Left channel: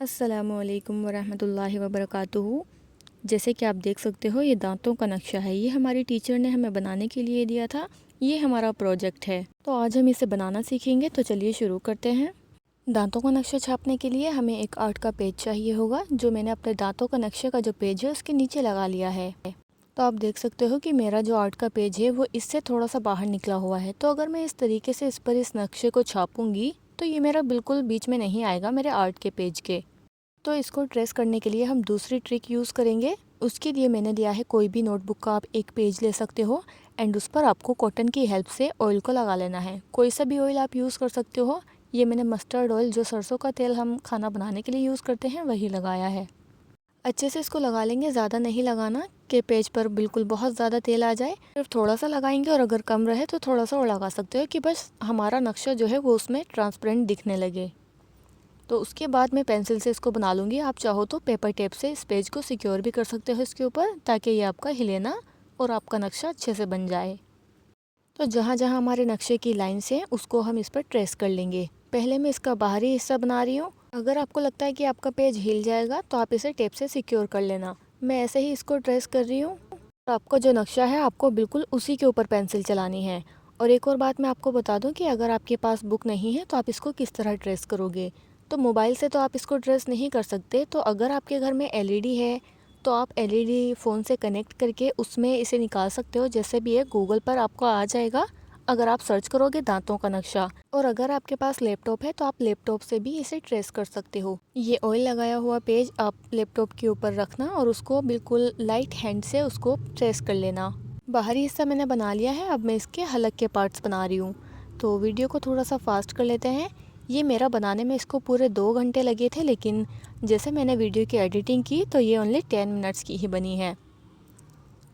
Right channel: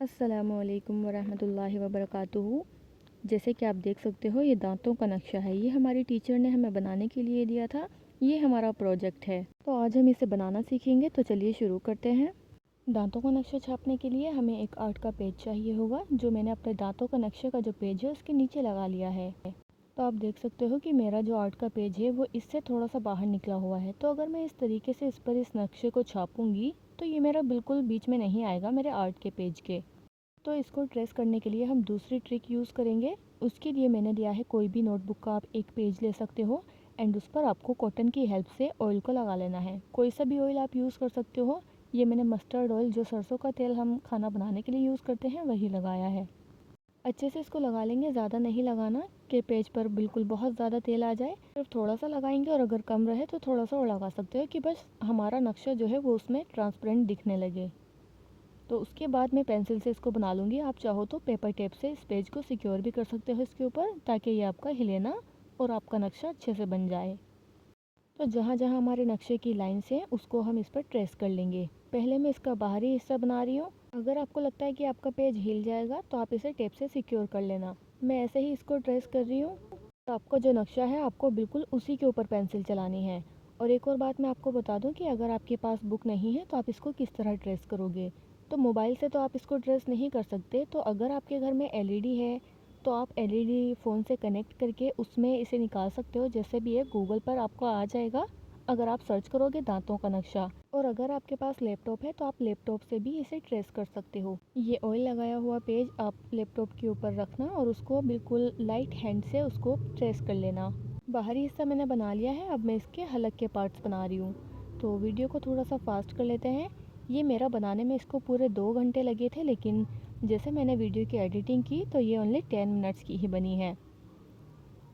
अस्सलामुअलैकुम वरहमतुल्लाहि वबरकातुहू। जैसे कि आप देख सकते हो, ये दांतों का नक्शा है। ये हमारी टीचर ने हमें बनाने के लिए दिया था। ये हमारा प्रोजेक्ट है, तो आज हम इसे बनाना सीखेंगे। तो चलिए शुरू करते हैं। दांतों का नक्शा छापने के लिए हमें एक आर्ट का पेज चाहिए होगा, जो मैंने अपने दांतों का नक्शे का जो पेज है उसके नीचे लगा लिया है। तो आप देख सकते हो कि मेरा जो आर्ट का पेज है वो इससे थोड़ा सा बाहर निकला हुआ है। तो अगर मैं इस तरीके से इस पर इस नक्शे को छापूंगी तो ये मेरा बिल्कुल बीच में नहीं आएगा मेरे आर्ट के पेज के। तो इसको ट्रेस करने के लिए हम दूसरी ट्रिक यूज़ करेंगे। उसके लिए मैंने लिया है कोई भी नोटबुक का आप एक पेज ले सकते हो एंड उस पर आपको कॉटन की हेल्प से ऑयल को लगा लेना है। कोई सा भी ऑयल आप यूज़ कर सकते हो। ये मैंने मस्टर्ड ऑयल, जो सरसों का तेल हम खाना बनाने के लिए यूज़ करते हैं, वही लगाया है। अच्छे से इसको लगा लेंगे, ज़्यादा नहीं लगाना कि पेज पर बिल्कुल बहुत ज़्यादा तेल आ जाए। सिर्फ थोड़ा सा लगाएंगे और अगर कम रहे तो थोड़ा सा और लगा सकते हो कि बस हमारा नक्शा जो है वो उसमें ट्रांसपेरेंट दिखने लगे। तो उसके बाद मैं पेंसिल से इसको बना लूँगी। आप चाहो तो पेपर टेप से इस पेज को सिक्योर भी कर सकते हो इसके ऊपर, ताकि ये आपका हिले ना और आपका नक्शा अच्छे से बन जाए। तो जहाँ जहाँ हमारे नक्शे की लाइंस हैं उसको हम इस पर ट्रेस कर लेंगे। पहले मैं इसका बाहरी हिस्सा बना रही हूँ। अगर आपको लगता है कि आपका पेज हिल जाएगा तो आप इसे टेप से सिक्योर कर लेना। मैं ऐसे ही इसको ट्रेस कर रही हूँ। और आपका जो नक्शा है आपको बिल्कुल उसी के ऊपर पेंसिल चलानी है। और एक और बात मैं आपको बता दूं कि अगर आपके पास बुक नहीं है तो आप इसको किस तरह ट्रेस करोगे। तो मोबाइल से तो आप इसको ट्रेस नहीं कर सकते। तो अगर आपके घर में एलईडी है तो आप एलईडी फ़ोन से कनेक्ट करके उसमें इसे निकाल सकते हो। जैसे भी है गूगल पर आपको आ जाएगा अगर आप सर्च करोगे दांतों का नक्शा। और अगर आपके पास लैपटॉप है तो आप लैपटॉप से भी इसे ट्रेस कर सकते हो। ये ऑयल लगाया हुआ पेज आप लैपटॉप के ऊपर रखना और उसको बिल्कुल लाइट हैंड से उसको ट्रेस कर लेना। बाहरी हिस्सा मैंने बना लिया है। अब मैं इसके हलक के पार्ट्स बना रही हूँ। तो वीडियो को थोड़ा सा फास्ट कर लेते हैं। ये मेरा बनाने में इसको पूरे 2 घंटे लगे थे, लेकिन जैसे मैंने वीडियो की एडिटिंग की तो ये ओनली 10 मिनट्स की ही बनी है।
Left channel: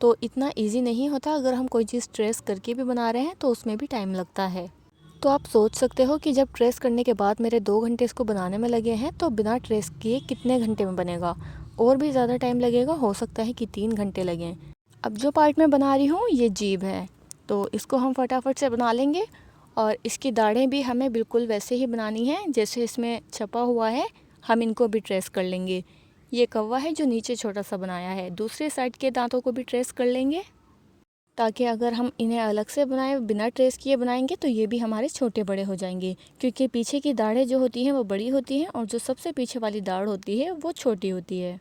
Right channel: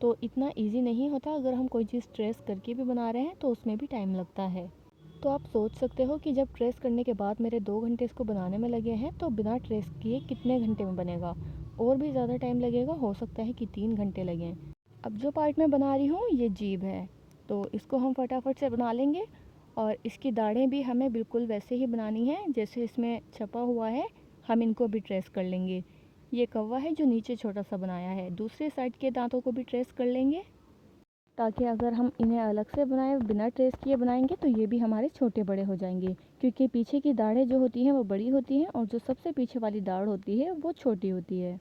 तो इतना इजी नहीं होता। अगर हम कोई चीज़ ट्रेस करके भी बना रहे हैं तो उसमें भी टाइम लगता है। तो आप सोच सकते हो कि जब ट्रेस करने के बाद मेरे 2 घंटे इसको बनाने में लगे हैं तो बिना ट्रेस किए कितने घंटे में बनेगा। और भी ज़्यादा टाइम लगेगा, हो सकता है कि 3 घंटे लगें। अब जो पार्ट मैं बना रही हूँ ये जीभ है, तो इसको हम फटाफट से बना लेंगे। और इसकी दाढ़ें भी हमें बिल्कुल वैसे ही बनानी है जैसे इसमें छपा हुआ है। हम इनको भी ट्रेस कर लेंगे। ये कौवा है जो नीचे छोटा सा बनाया है। दूसरे साइड के दांतों को भी ट्रेस कर लेंगे, ताकि अगर हम इन्हें अलग से बनाएं, बिना ट्रेस किए बनाएंगे तो ये भी हमारे छोटे बड़े हो जाएंगे। क्योंकि पीछे की दाढ़ें जो होती हैं वो बड़ी होती हैं और जो सबसे पीछे वाली दाढ़ होती है वो छोटी होती है।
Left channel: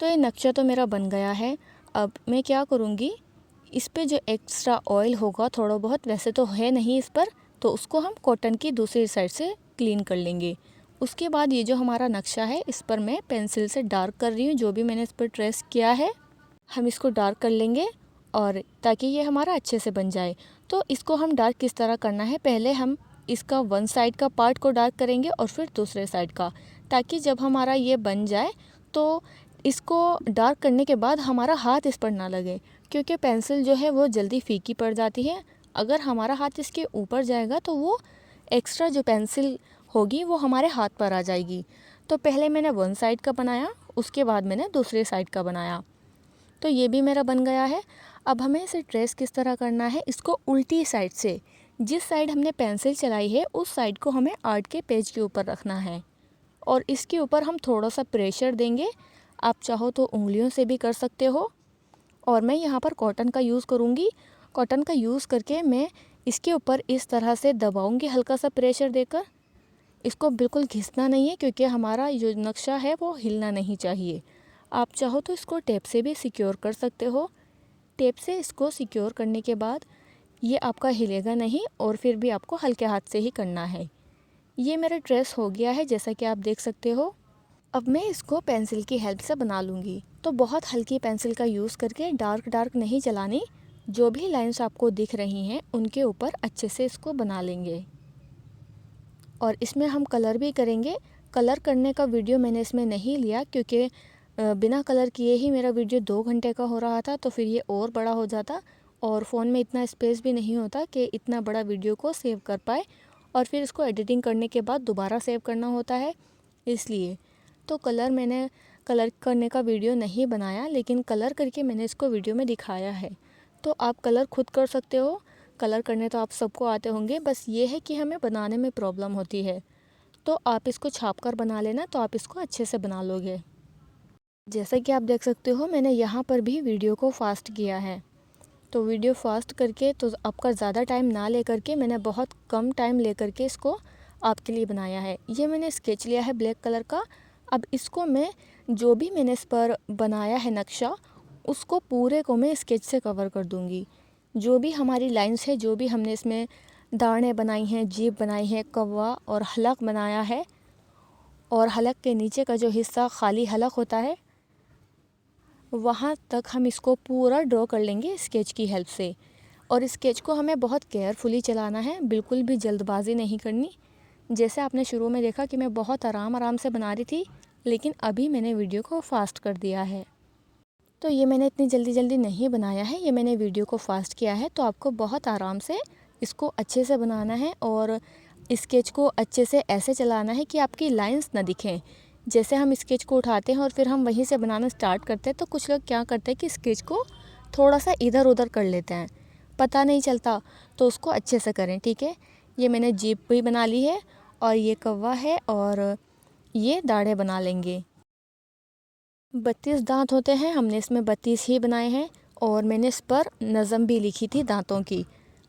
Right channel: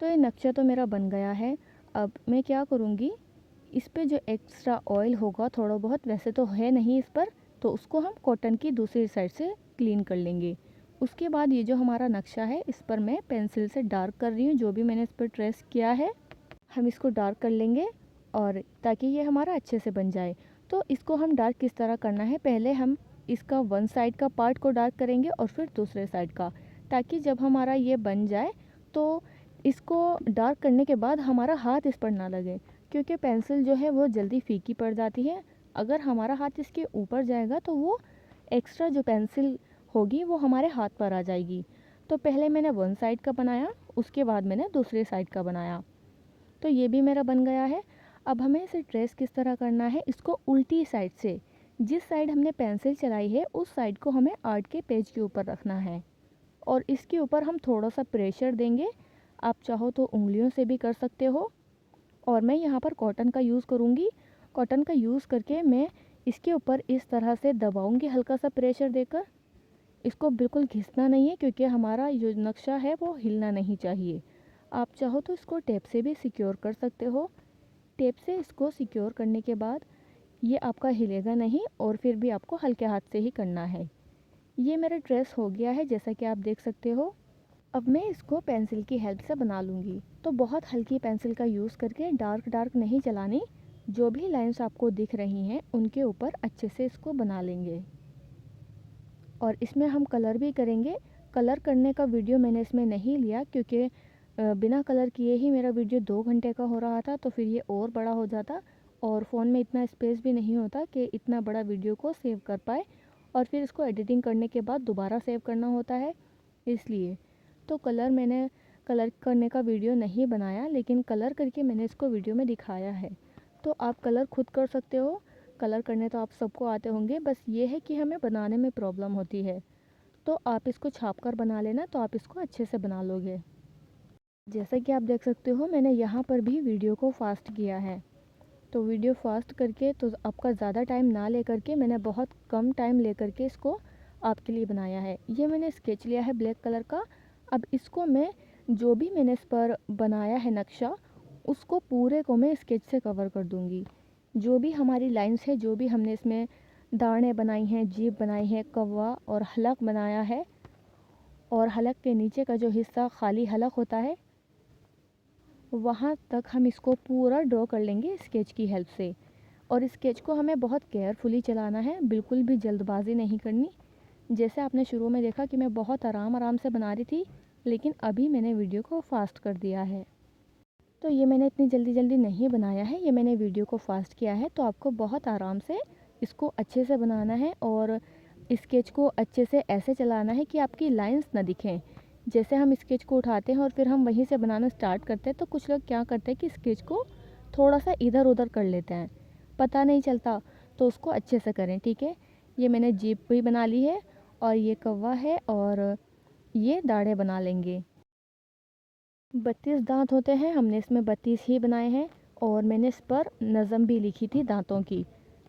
तो ये नक्शा तो मेरा बन गया है। अब मैं क्या करूँगी, इस पे जो एक्स्ट्रा ऑयल होगा थोड़ा बहुत, वैसे तो है नहीं इस पर, तो उसको हम कॉटन की दूसरी साइड से क्लीन कर लेंगे। उसके बाद ये जो हमारा नक्शा है इस पर मैं पेंसिल से डार्क कर रही हूँ। जो भी मैंने इस पर ट्रेस किया है हम इसको डार्क कर लेंगे, और ताकि ये हमारा अच्छे से बन जाए। तो इसको हम डार्क किस तरह करना है, पहले हम इसका वन साइड का पार्ट को डार्क करेंगे और फिर दूसरे साइड का, ताकि जब हमारा ये बन जाए तो इसको डार्क करने के बाद हमारा हाथ इस पर ना लगे। क्योंकि पेंसिल जो है वो जल्दी फीकी पड़ जाती है। अगर हमारा हाथ इसके ऊपर जाएगा तो वो एक्स्ट्रा जो पेंसिल होगी वो हमारे हाथ पर आ जाएगी। तो पहले मैंने वन साइड का बनाया, उसके बाद मैंने दूसरे साइड का बनाया। तो ये भी मेरा बन गया है। अब हमें इसे ट्रेस किस तरह करना है, इसको उल्टी साइड से, जिस साइड हमने पेंसिल चलाई है उस साइड को हमें आर्ट के पेज के ऊपर रखना है। और इसके ऊपर हम थोड़ा सा प्रेशर देंगे। आप चाहो तो उंगलियों से भी कर सकते हो। और मैं यहाँ पर कॉटन का यूज़ करूँगी। कॉटन का यूज़ करके मैं इसके ऊपर इस तरह से दबाऊँगी, हल्का सा प्रेशर देकर। इसको बिल्कुल घिसना नहीं है क्योंकि हमारा जो नक्शा है वो हिलना नहीं चाहिए। आप चाहो तो इसको टेप से भी सिक्योर कर सकते हो। टेप से इसको सिक्योर करने के बाद ये आपका हिलेगा नहीं, और फिर भी आपको हल्के हाथ से ही करना है। ये मेरा ट्रेस हो गया है जैसा कि आप देख सकते हो। अब मैं इसको पेंसिल की हेल्प से बना लूँगी। तो बहुत हल्की पेंसिल का यूज़ करके, डार्क डार्क नहीं चलानी, जो भी लाइंस आपको दिख रही हैं उनके ऊपर अच्छे से इसको बना लेंगे। और इसमें हम कलर भी करेंगे। कलर करने का वीडियो मैंने इसमें नहीं लिया क्योंकि बिना कलर किए ही मेरा वीडियो 2 घंटे का हो रहा था, तो फिर ये और बड़ा हो जाता और फ़ोन में इतना स्पेस भी नहीं होता कि इतना बड़ा वीडियो को सेव कर पाए, और फिर इसको एडिटिंग करने के बाद दोबारा सेव करना होता है, इसलिए। तो मैंने कलर करने का वीडियो नहीं बनाया, लेकिन कलर करके मैंने इसको वीडियो में दिखाया है। तो आप कलर खुद कर सकते हो। कलर करने तो आप सबको आते होंगे, बस ये है कि हमें बनाने में प्रॉब्लम होती है। तो आप इसको छाप कर बना लेना, तो आप इसको अच्छे से बना लोगे। जैसा कि आप देख सकते हो मैंने यहाँ पर भी वीडियो को फास्ट किया है। तो वीडियो फास्ट करके तो आपका ज़्यादा टाइम ना लेकर के मैंने बहुत कम टाइम लेकर के इसको आपके लिए बनाया है। ये मैंने स्केच लिया है ब्लैक कलर का। अब इसको मैं जो भी मैंने इस पर बनाया है नक्शा, उसको पूरे को मैं स्केच से कवर कर दूँगी। जो भी हमारी लाइंस है, जो भी हमने इसमें दाढ़ें बनाई हैं, जीभ बनाई है, कौवा और हलक बनाया है, और हलक के नीचे का जो हिस्सा खाली हलक होता है, वहाँ तक हम इसको पूरा ड्रॉ कर लेंगे स्केच की हेल्प से। और स्केच को हमें बहुत केयरफुली चलाना है, बिल्कुल भी जल्दबाजी नहीं करनी। जैसे आपने शुरू में देखा कि मैं बहुत आराम से बना रही थी, लेकिन अभी मैंने वीडियो को फास्ट कर दिया है। तो ये मैंने इतनी जल्दी नहीं बनाया है, ये मैंने वीडियो को फास्ट किया है। तो आपको बहुत आराम से इसको अच्छे से बनाना है और स्केच को अच्छे से ऐसे चलाना है कि आपकी लाइंस ना दिखें। जैसे हम स्केच को उठाते हैं और फिर हम वहीं से बनाना स्टार्ट करते हैं, तो कुछ लोग क्या करते हैं कि स्केच को थोड़ा सा इधर उधर कर लेते हैं, पता नहीं चलता। तो उसको अच्छे से करें, ठीक है। ये मैंने जीभ भी बना ली है, और ये कौवा है, और ये दाढ़ें बना लेंगे। 32 दांत होते हैं, हमने इसमें 32 ही बनाए हैं। और मैंने इस पर नज़म भी लिखी थी दांतों की,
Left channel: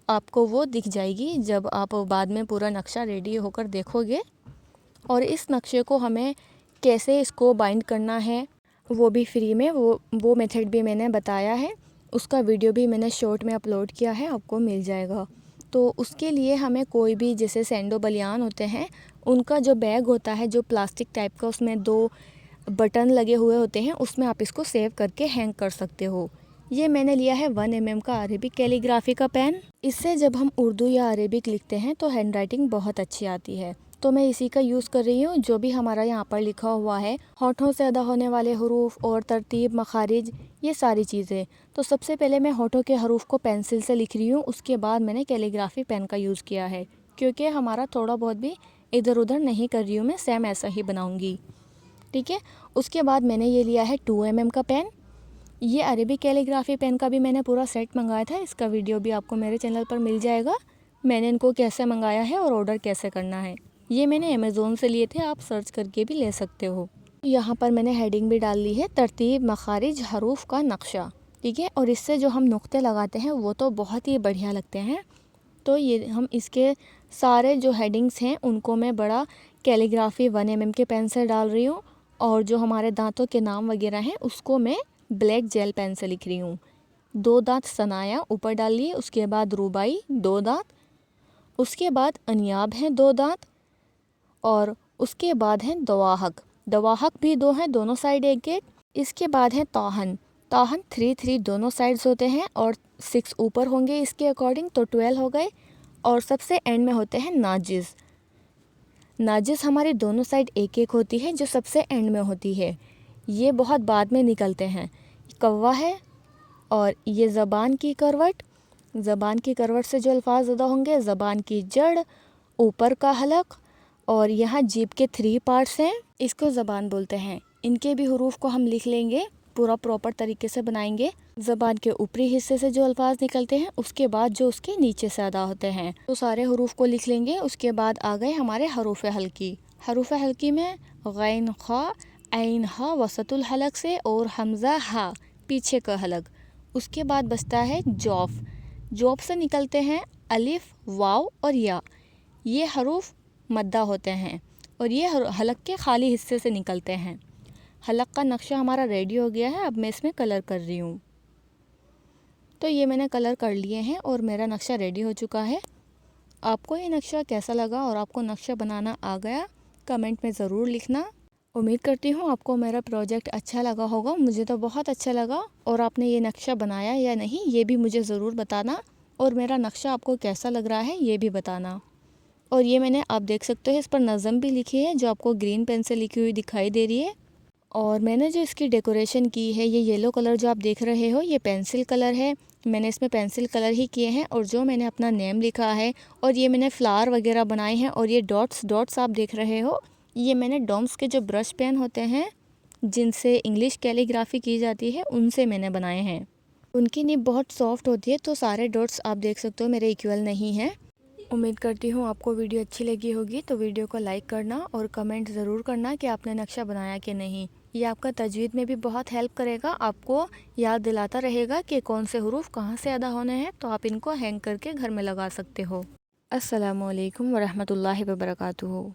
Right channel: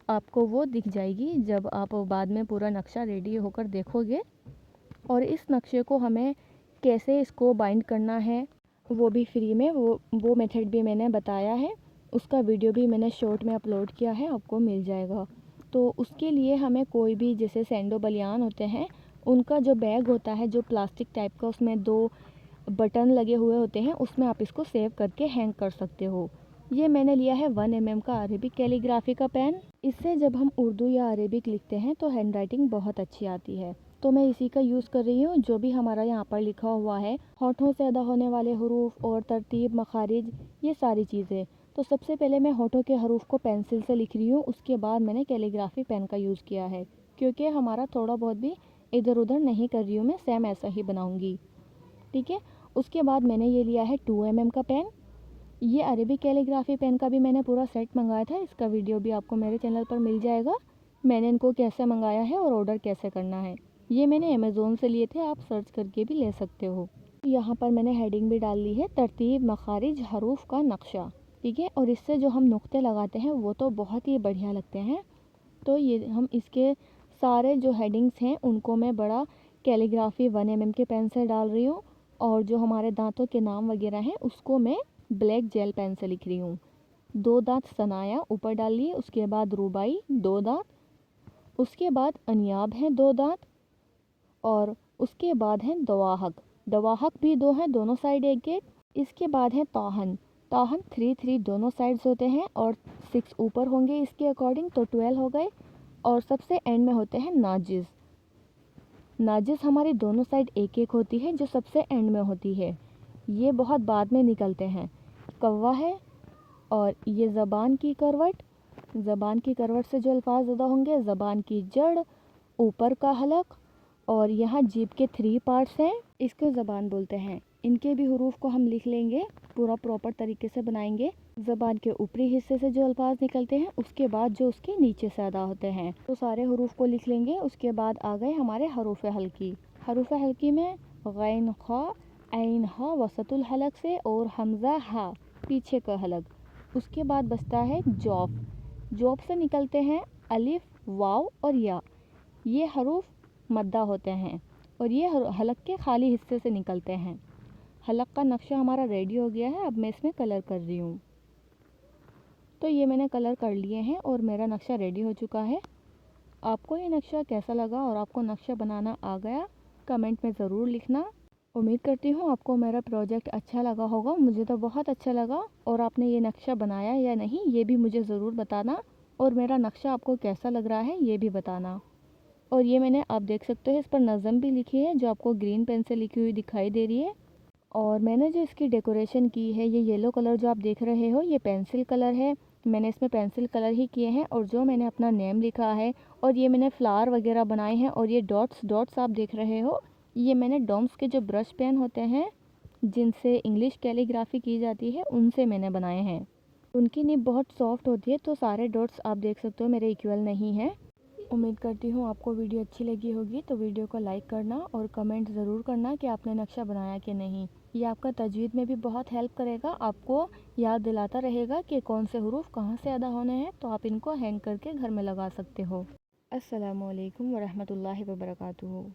आपको वो दिख जाएगी जब आप बाद में पूरा नक्शा रेडी होकर देखोगे। और इस नक्शे को हमें कैसे इसको बाइंड करना है वो भी फ्री में, वो मेथड भी मैंने बताया है। उसका वीडियो भी मैंने शॉर्ट में अपलोड किया है, आपको मिल जाएगा। तो उसके लिए हमें कोई भी, जैसे सैंडो बलियान होते हैं, उनका जो बैग होता है जो प्लास्टिक टाइप का, उसमें 2 बटन लगे हुए होते हैं, उसमें आप इसको सेव करके हैंग कर सकते हो। ये मैंने लिया है 1 mm का अरेबिक कैलीग्राफी का पेन। इससे जब हम उर्दू या अरेबिक लिखते हैं तो हैंड राइटिंग बहुत अच्छी आती है। तो मैं इसी का यूज़ कर रही हूँ। जो भी हमारा यहाँ पर लिखा हुआ है, होठों से अदा होने वाले हरूफ और तरतीब, मखारिज, ये सारी चीज़ें। तो सबसे पहले मैं होठों के हरूफ को पेंसिल से लिख रही हूँ, उसके बाद मैंने कैलीग्राफी पेन का यूज़ किया है, क्योंकि हमारा थोड़ा बहुत भी इधर उधर नहीं कर रही हूँ, मैं सेम ऐसा ही बनाऊँगी, ठीक है। उसके बाद मैंने ये लिया है 2 mm का पेन। ये अरेबिक कैलीग्राफी पेन का भी मैंने पूरा सेट मंगाया था, इसका वीडियो भी आपको मेरे चैनल पर मिल जाएगा। मैंने इनको कैसे मंगाया है और ऑर्डर कैसे करना है, ये मैंने अमेज़ोन से लिए थे, आप सर्च करके भी ले सकते हो। यहाँ पर मैंने हेडिंग भी डाल ली है, तरतीब, मखारिज, हरूफ का नक्शा, ठीक है। और इससे जो हम नुक्ते लगाते हैं वो तो बहुत ही बढ़िया लगते हैं। तो ये हम इसके सारे जो हेडिंग्स हैं उनको मैं बड़ा कैलीग्राफी 1 mm के पेन से डाल रही हूँ, और जो हमारे दांतों के नाम वगैरह हैं उसको मैं ब्लैक जेल पेन से लिख रही हूँ। 2 दांत सनाया ऊपर डाल लिए, उसके बाद रुबाई 2 दांत, उसके बाद अनियाब हैं 2 दांत, और उसके बाद हैं दवाहक, दवाहक भी 2 हैं, दोनों साइड एक एक। इसके बाद है ताहन, ताहन 3 दोनों साइड्स होते हैं, और 6 ऊपर होंगे इसके अकॉर्डिंग, तो 12 हो गए। और सबसे एंड में होते हैं नाजिज़, नाजिज़ हमारी दोनों साइड एक एक होती है, जो सबसे एंड में होती है, ये बहुत बाद में निकलते हैं। कौवा है, और ये ज़बान की करवट, ज़बान की करवट से जो अल्फाज अदा होंगे, ज़बान की जड़, ऊपर का हलक, और यहाँ जीभ के 3 पार्ट्स हैं, इसको ज़बान बोलते हैं। इनके भी हरूफ को हम लिख लेंगे, पूरा प्रॉपर तरीके से बनाएंगे। ज़बान के ऊपरी हिस्से से जो अल्फाज निकलते हैं, उसके बाद जो उसके नीचे से अदा होते हैं, तो सारे हरूफ को लिख लेंगे। उसके बाद आ गए हमारे हरूफ हल्की। हरूफ हल्की में गैन, खा, ऐन, हा वसतुल हलक से, और हमज़ा हा पीछे का हलक। उसके बाद बचता है जौफ, जौफ से निकलते हैं अलिफ, वाव और या, ये हरूफ मद्दा होते हैं, और ये हलक के खाली हिस्से से निकलते हैं। हलक का नक्शा हमारा रेडी हो गया है, अब मैं इसमें कलर कर रही हूँ। तो ये मैंने कलर कर लिए हैं और मेरा नक्शा रेडी हो चुका है। आपको ये नक्शा कैसा लगा और आपको नक्शा बनाना आ गया, कमेंट में ज़रूर लिखना। उम्मीद करती हूँ आपको मेरा प्रोजेक्ट अच्छा लगा होगा, मुझे तो बहुत अच्छा लगा। और आपने ये नक्शा बनाया या नहीं ये भी मुझे ज़रूर बताना, और मेरा नक्शा आपको कैसा लग रहा है ये भी बताना। और ये मैंने, आप देख सकते हो, इस पर नज़म भी लिखी है, जो आपको ग्रीन पेन से लिखी हुई दिखाई दे रही है। और मैंने जो इसकी डेकोरेशन की है, ये येलो कलर जो आप देख रहे हो, ये पेंसिल कलर है, मैंने इसमें पेंसिल कलर ही किए हैं। और जो मैंने अपना नेम लिखा है, और ये मैंने फ्लावर वगैरह बनाए हैं, और ये डॉट्स आप देख रहे हो, ये मैंने डॉम्स के जो ब्रश पेन होते हैं जिनसे इंग्लिश कैलीग्राफी की जाती है, उनसे मैंने बनाए हैं। उनकी निब बहुत सॉफ्ट होती है, तो सारे डॉट्स आप देख सकते हो मेरे इक्वल नहीं हैं। उम्मीद करती हूँ आपको वीडियो अच्छी लगी होगी, तो वीडियो को लाइक करना और कमेंट ज़रूर करना कि आपने नक्शा बनाया कि नहीं। ये आपका तजवीद में भी बहुत हेल्प करेगा, आपको याद दिलाता रहेगा कि कौन से हरूफ कहाँ से अदा होने हैं, तो आप इनको हैंग करके घर में लगा सकते हो। अस्सलामुअलैकुम वरहमतुल्लाहि वबरकातुहू।